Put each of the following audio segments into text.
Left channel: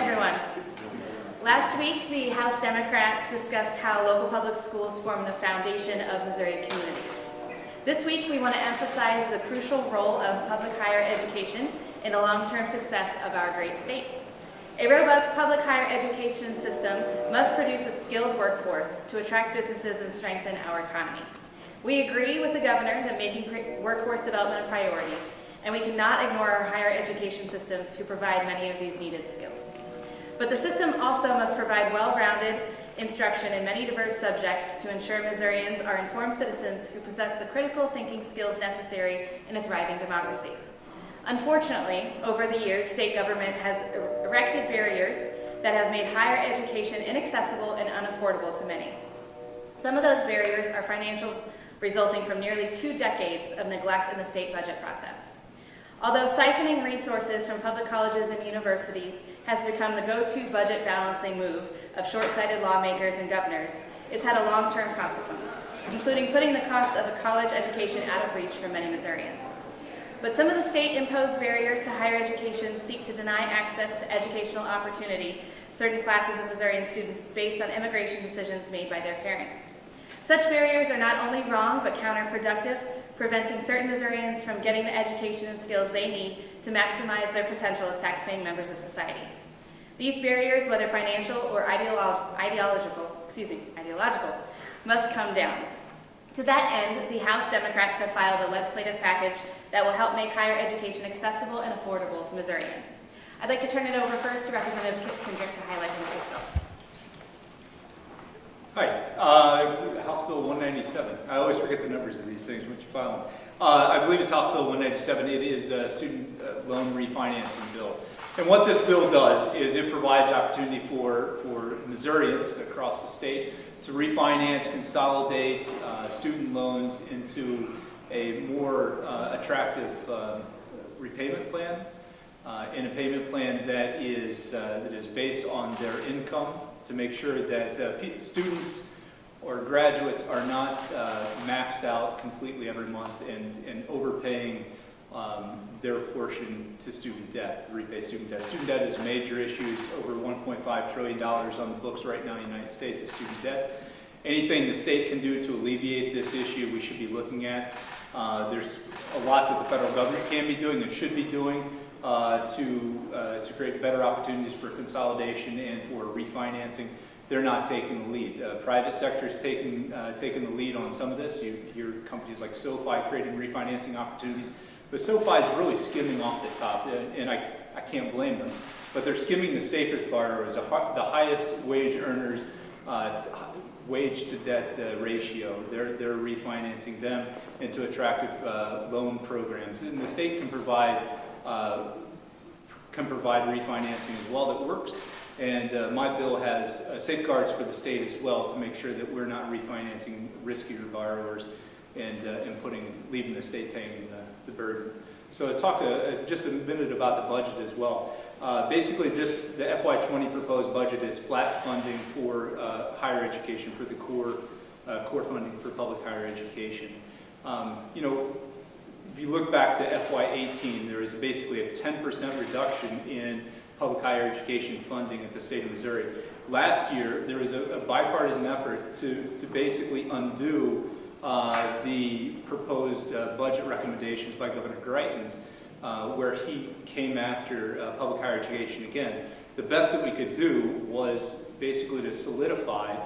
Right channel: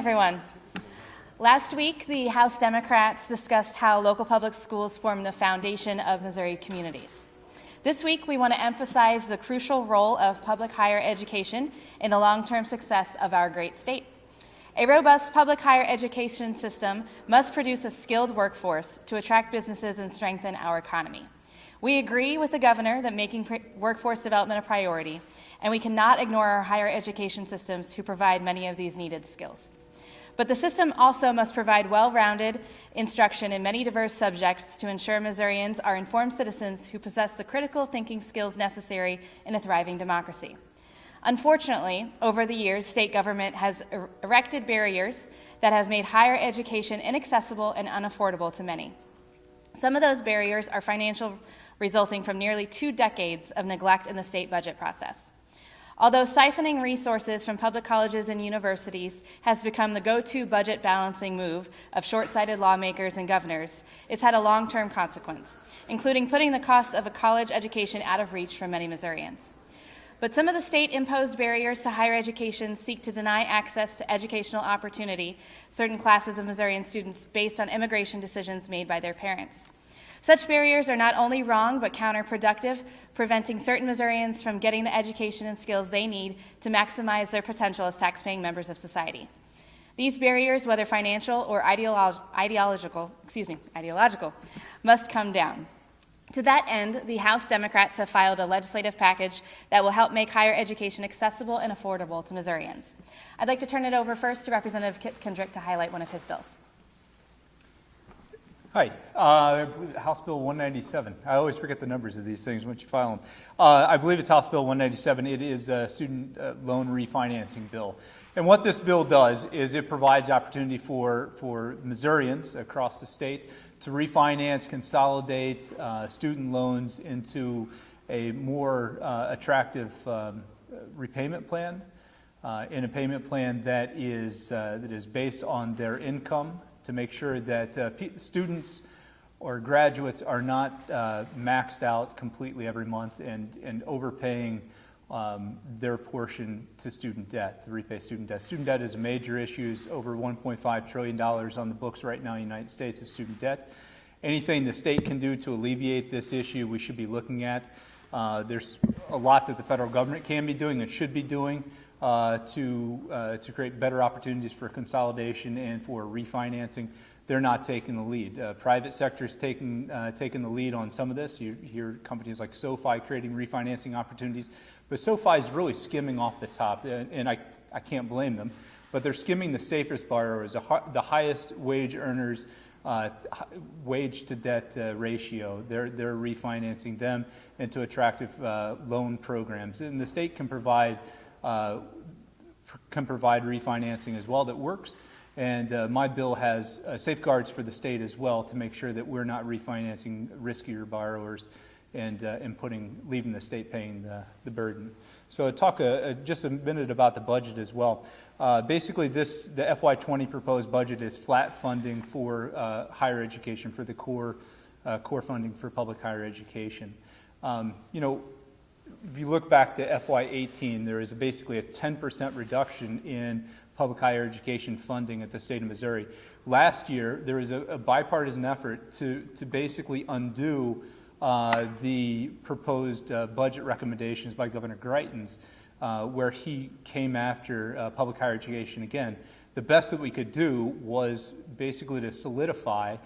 everyone. Last week, the House Democrats discussed how local public schools form the foundation of Missouri communities. This week, we want to emphasize the crucial role of public higher education in the long-term success of our great state. A robust public higher education system must produce a skilled workforce to attract businesses and strengthen our economy. We agree with the governor that making workforce development a priority, and we cannot ignore our higher education systems who provide many of these needed skills. But the system also must provide well-rounded instruction in many diverse subjects to ensure Missourians are informed citizens who possess the critical thinking skills necessary in a thriving democracy. Unfortunately, over the years, state government has erected barriers that have made higher education inaccessible and unaffordable to many. Some of those barriers are financial, resulting from nearly 2 decades of neglect in the state budget process. Although siphoning resources from public colleges and universities has become the go-to budget balancing move of short-sighted lawmakers and governors, it's had a long-term consequence, including putting the cost of a college education out of reach for many Missourians. But some of the state-imposed barriers to higher education seek to deny access to educational opportunity certain classes of Missourian students based on immigration decisions made by their parents. Such barriers are not only wrong, but counterproductive, preventing certain Missourians from getting the education and skills they need to maximize their potential as tax-paying members of society. These barriers, whether financial or ideological, must come down. To that end, the House Democrats have filed a legislative package that will help make higher education accessible and affordable to Missourians. I'd like to turn it over first to Representative Kendrick to highlight one of his bills. Hi, House Bill 197. I always forget the numbers of these things once you file them. I believe it's House Bill 197. It is a student loan refinancing bill. And what this bill does is it provides opportunity for Missourians across the state to refinance, consolidate student loans into a more attractive repayment plan, and a payment plan that is based on their income, to make sure that students or graduates are not maxed out completely every month and overpaying their portion to student debt, to repay student debt. Student debt is a major issue. It's over $1.5 trillion on the books right now in the United States of student debt. Anything the state can do to alleviate this issue, we should be looking at. There's a lot that the federal government can be doing and should be doing to create better opportunities for consolidation and for refinancing. They're not taking the lead. Private sector is taking the lead on some of this. You hear companies like SoFi creating refinancing opportunities, but SoFi is really skimming off the top, and I can't blame them, but they're skimming the safest borrowers, the highest wage earners, wage to debt ratio. They're refinancing them into attractive loan programs, and the state can provide refinancing as well that works. And my bill has safeguards for the state as well to make sure that we're not refinancing riskier borrowers and leaving the state paying the burden. So talk just a minute about the budget as well. Basically, the FY20 proposed budget is flat funding for higher education, for the core funding for public higher education. If you look back to FY18, there is basically a 10% reduction in public higher education funding at the state of Missouri. Last year, there was a bipartisan effort to basically undo the proposed budget recommendations by Governor Greitens, where he came after public higher education again. The best that we could do was basically to solidify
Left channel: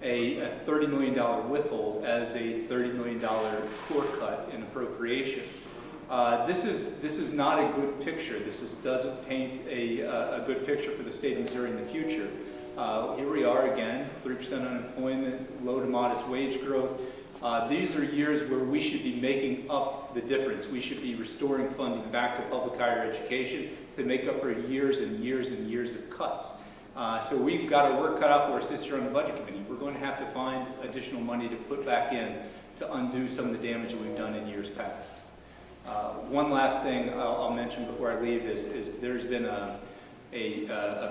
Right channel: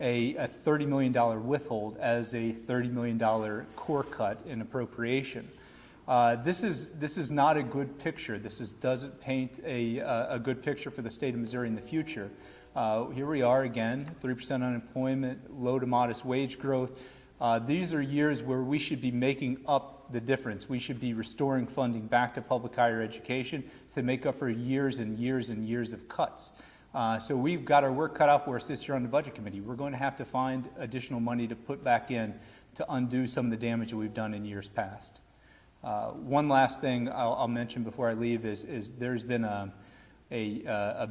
a $30 million withhold as a $30 million core cut in appropriation. This is not a good picture. Doesn't paint a good picture for the state of Missouri in the future. Here we are again, 3% unemployment, low to modest wage growth. These are years where we should be making up the difference. We should be restoring funding back to public higher education to make up for years and years and years of cuts. So we've got our work cut out for us this year on the Budget Committee. We're going to have to find additional money to put back in to undo some of the damage that we've done in years past. One last thing I'll mention before I leave is there's been a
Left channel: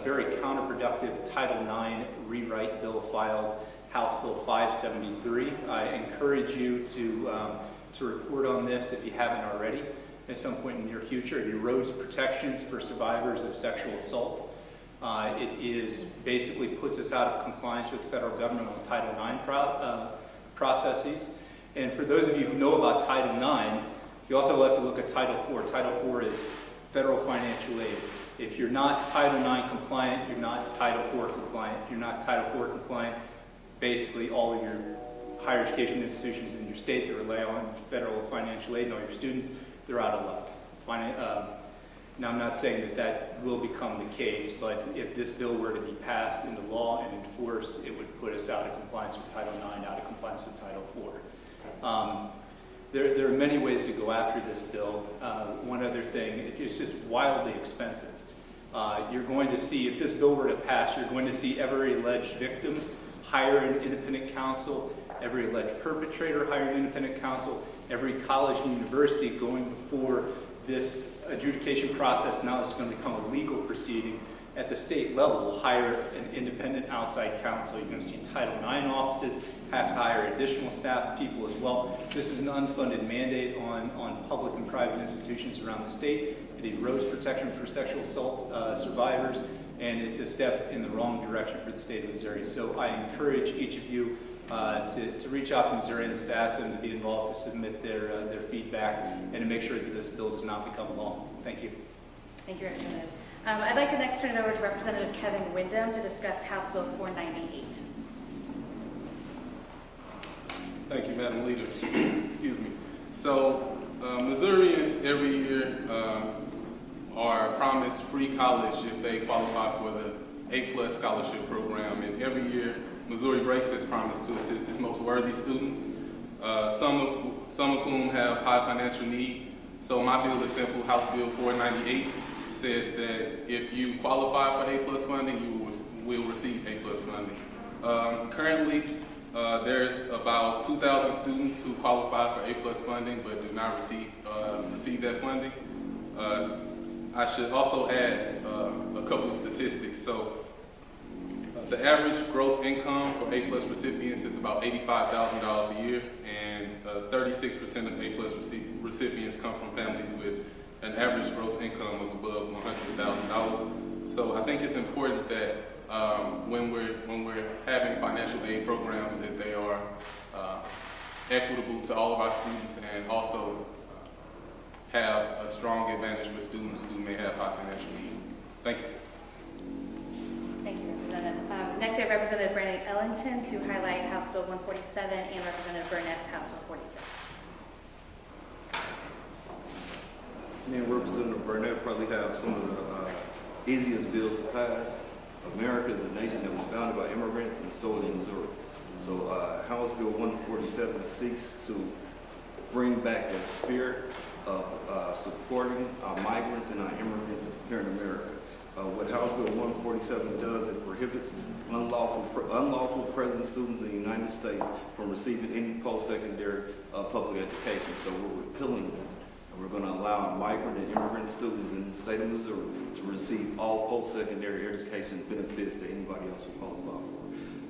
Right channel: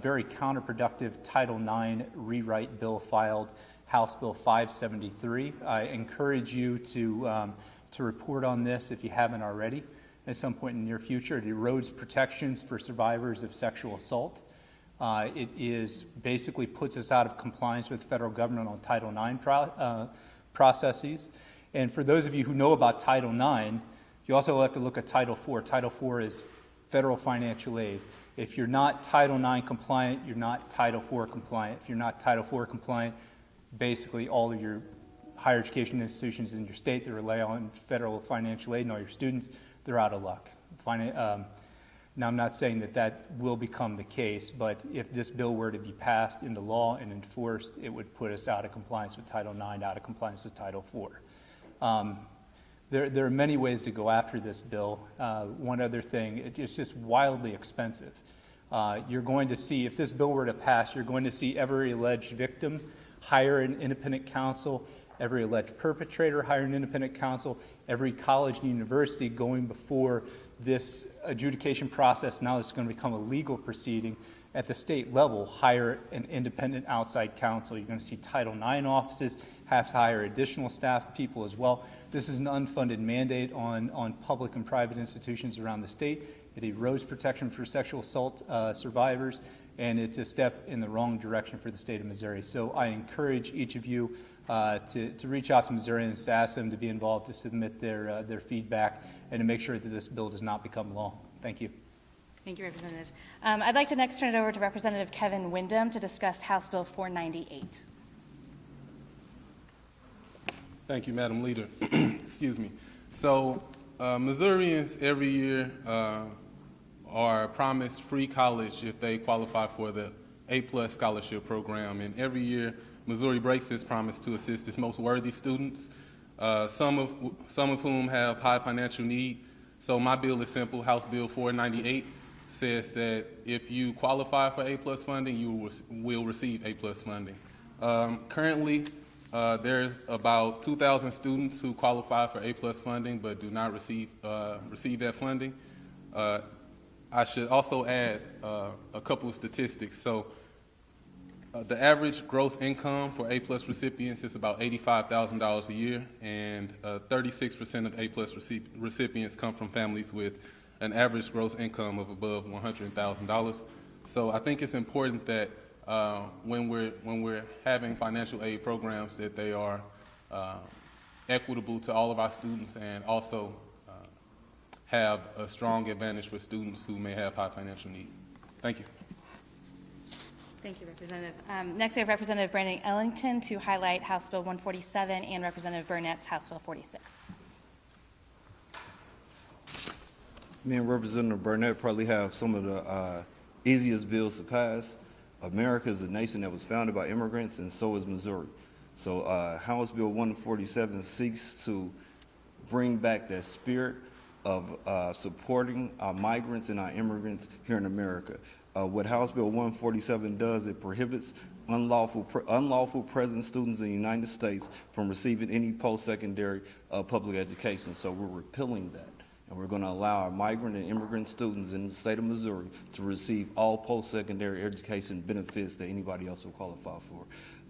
very counterproductive Title IX rewrite bill filed, House Bill 573. I encourage you to report on this if you haven't already at some point in the near future. It erodes protections for survivors of sexual assault. It is basically puts us out of compliance with federal governmental Title IX processes. And for those of you who know about Title IX, you also have to look at Title IV. Title IV is federal financial aid. If you're not Title IX compliant, you're not Title IV compliant. If you're not Title IV compliant, basically all of your higher education institutions in your state that rely on federal financial aid and all your students, they're out of luck. Now, I'm not saying that that will become the case, but if this bill were to be passed into law and enforced, it would put us out of compliance with Title IX, out of compliance with Title IV. There are many ways to go after this bill. One other thing, it's just wildly expensive. You're going to see, if this bill were to pass, you're going to see every alleged victim hire an independent counsel, every alleged perpetrator hire an independent counsel, every college and university going before this adjudication process, now it's going to become a legal proceeding at the state level, hire an independent outside counsel. You're going to see Title IX offices have to hire additional staff people as well. This is an unfunded mandate on public and private institutions around the state. It erodes protection for sexual assault survivors, and it's a step in the wrong direction for the state of Missouri. So I encourage each of you to reach out to Missourians, to ask them to be involved, to submit their feedback, and to make sure that this bill does not become law. Thank you. Thank you, Representative. I'd like to next turn it over to Representative Kevin Windham to discuss House Bill 498. Thank you, Madam Leader. Excuse me. So, Missourians every year are promised free college if they qualify for the A+ scholarship program, and every year Missouri breaks this promise to assist its most worthy students, some of whom have high financial need. So my bill is simple. House Bill 498 says that if you qualify for A+ funding, you will receive A+ funding. Currently, there's about 2,000 students who qualify for A+ funding but do not receive that funding. I should also add a couple of statistics. So the average gross income for A+ recipients is about $85,000 a year, and 36% of A+ recipients come from families with an average gross income of above $100,000. So I think it's important that when we're having financial aid programs, that they are equitable to all of our students, and also have a strong advantage for students who may have high financial need. Thank you. Thank you, Representative. Next, we have Representative Brandon Ellington to highlight House Bill 147 and Representative Burnett's House Bill 46. Me and Representative Burnett probably have some of the easiest bills to pass. America is a nation that was founded by immigrants, and so is Missouri. So House Bill 147 seeks to bring back that spirit of supporting our migrants and our immigrants here in America. What House Bill 147 does, it prohibits unlawful present students in the United States from receiving any post-secondary public education. So we're repealing that. And we're going to allow migrant and immigrant students in the state of Missouri to receive all post-secondary education benefits that anybody else will qualify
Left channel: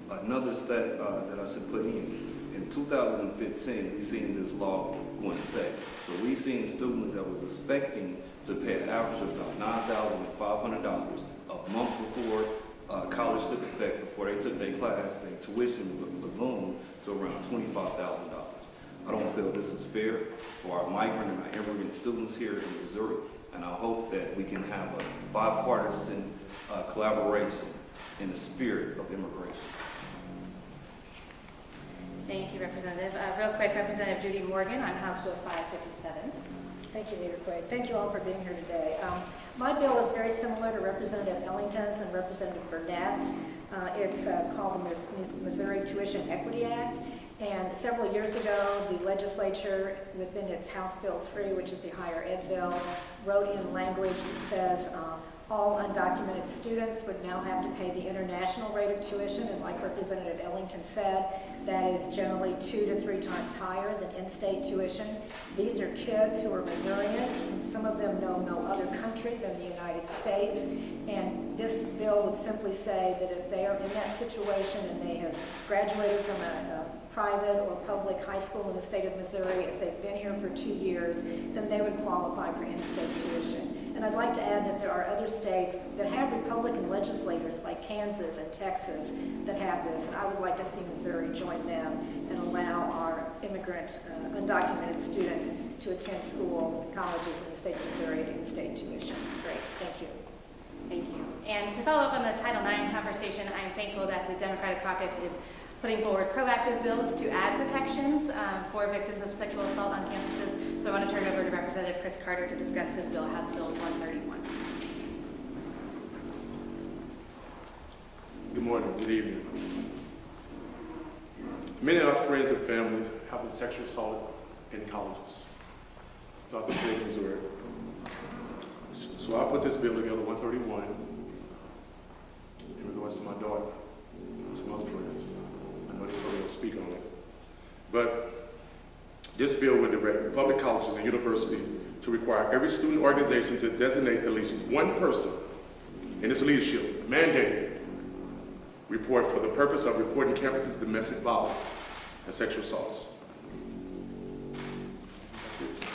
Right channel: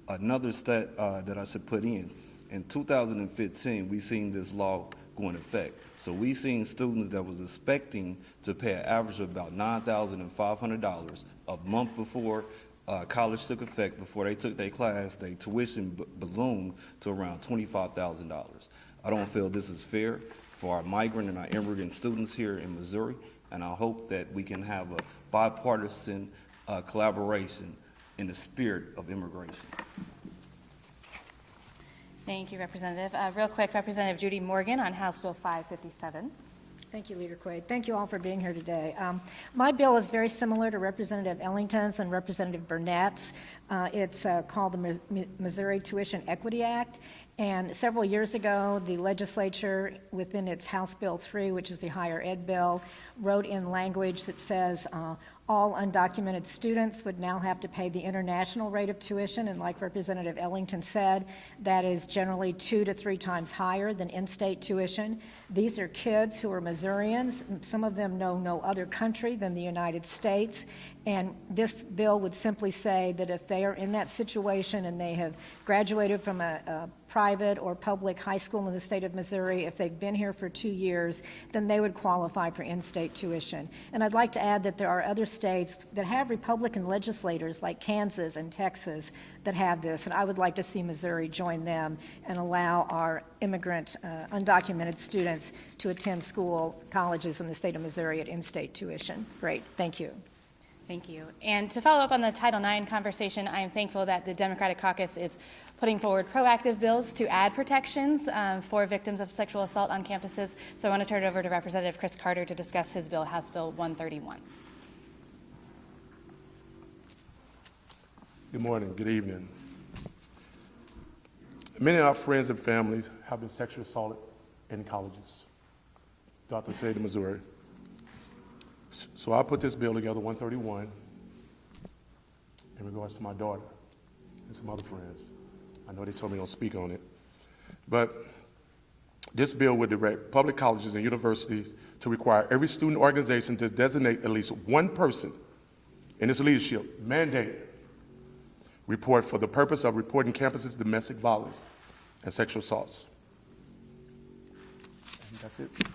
for. Another stat that I should put in 2015, we seen this law go into effect. So we seen students that was expecting to pay an average of about $9,500 a month before college took effect, before they took their class, their tuition ballooned to around $25,000. I don't feel this is fair for our migrant and our immigrant students here in Missouri, and I hope that we can have a bipartisan collaboration in the spirit of immigration. Thank you, Representative. Real quick, Representative Judy Morgan on House Bill 557. Thank you, Leader Quaid. Thank you all for being here today. My bill is very similar to Representative Ellington's and Representative Burnett's. It's called the Missouri Tuition Equity Act. And several years ago, the legislature, within its House Bill 3, which is the higher ed bill, wrote in language that says all undocumented students would now have to pay the international rate of tuition, and like Representative Ellington said, that is generally 2 to 3 times higher than in-state tuition. These are kids who are Missourians. Some of them know no other country than the United States, and this bill would simply say that if they are in that situation and they have graduated from a private or public high school in the state of Missouri, if they've been here for 2 years, then they would qualify for in-state tuition. And I'd like to add that there are other states that have Republican legislators like Kansas and Texas that have this, and I would like to see Missouri join them and allow our immigrant, undocumented students to attend colleges in the state of Missouri at in-state tuition. Great, thank you. Thank you. And to follow up on the Title IX conversation, I'm thankful that the Democratic Caucus is putting forward proactive bills to add protections for victims of sexual assault on campuses. So I want to turn it over to Representative Chris Carter to discuss his bill, House Bill 131. Good morning, good evening. Many of our friends and families have been sexually assaulted in colleges throughout the state of Missouri. So I put this bill together, 131, in regards to my daughter and some other friends. I know they told me they'll speak on it. But this bill would direct public colleges and universities to require every student organization to designate at least one person in its leadership, mandated, report for the purpose of reporting campus's domestic violence and sexual assaults. That's it.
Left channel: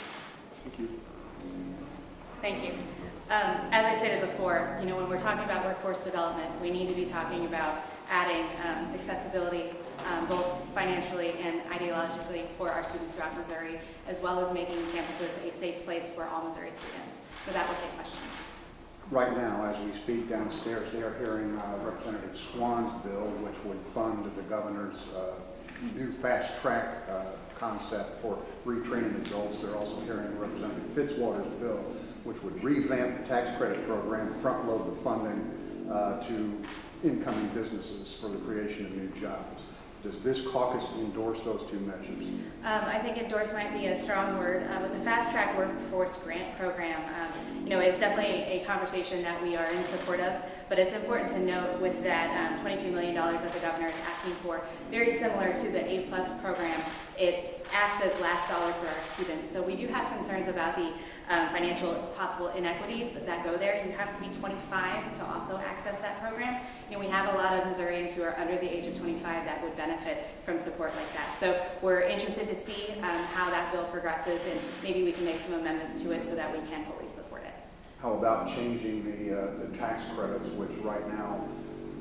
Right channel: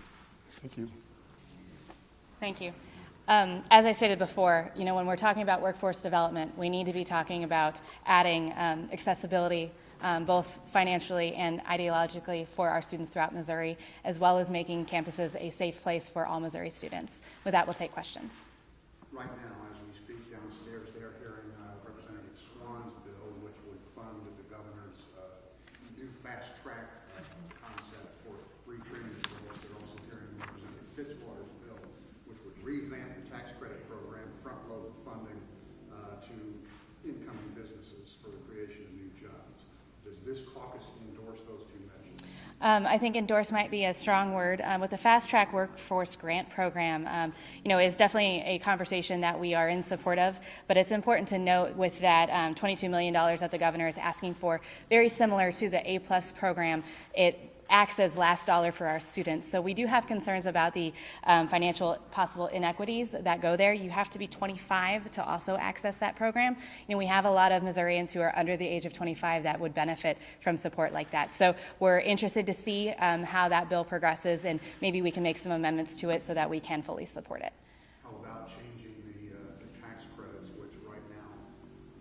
Thank you. Thank you. As I stated before, when we're talking about workforce development, we need to be talking about adding accessibility, both financially and ideologically for our students throughout Missouri, as well as making campuses a safe place for all Missouri students. With that, we'll take questions. Right now, as we speak downstairs, they are hearing Representative Swan's bill, which would fund the governor's new fast track concept for retraining adults. They're also hearing Representative Fitzwater's bill, which would revamp the tax credit program, front load the funding to incoming businesses for the creation of new jobs. Does this caucus endorse those two measures? I think endorse might be a strong word. With the Fast Track Workforce Grant Program, it's definitely a conversation that we are in support of, but it's important to note with that $22 million that the governor is asking for, very similar to the A+ program, it acts as last dollar for our students. So we do have concerns about the financial possible inequities that go there. You have to be 25 to also access that program. We have a lot of Missourians who are under the age of 25 that would benefit from support like that. So we're interested to see how that bill progresses, and maybe we can make some amendments to it so that we can fully support it. How about changing the tax credits, which right now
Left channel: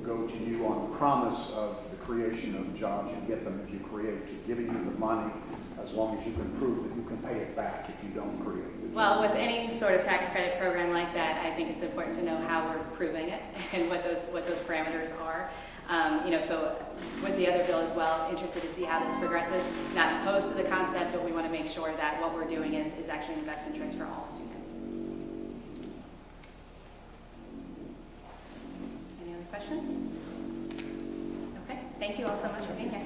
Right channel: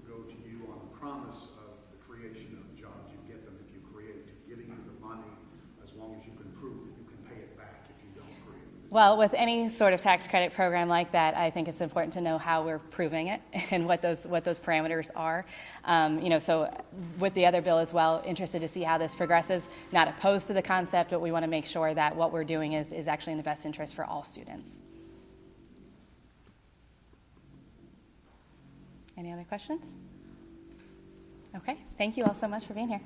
go to you on the promise of the creation of jobs? You get them if you create, giving you the money as long as you can prove that you can pay it back if you don't create it. Well, with any sort of tax credit program like that, I think it's important to know how we're proving it and what those parameters are. So with the other bill as well, interested to see how this progresses. Not opposed to the concept, but we want to make sure that what we're doing is actually in the best interest for all students. Any other questions? Okay, thank you all so much for being here.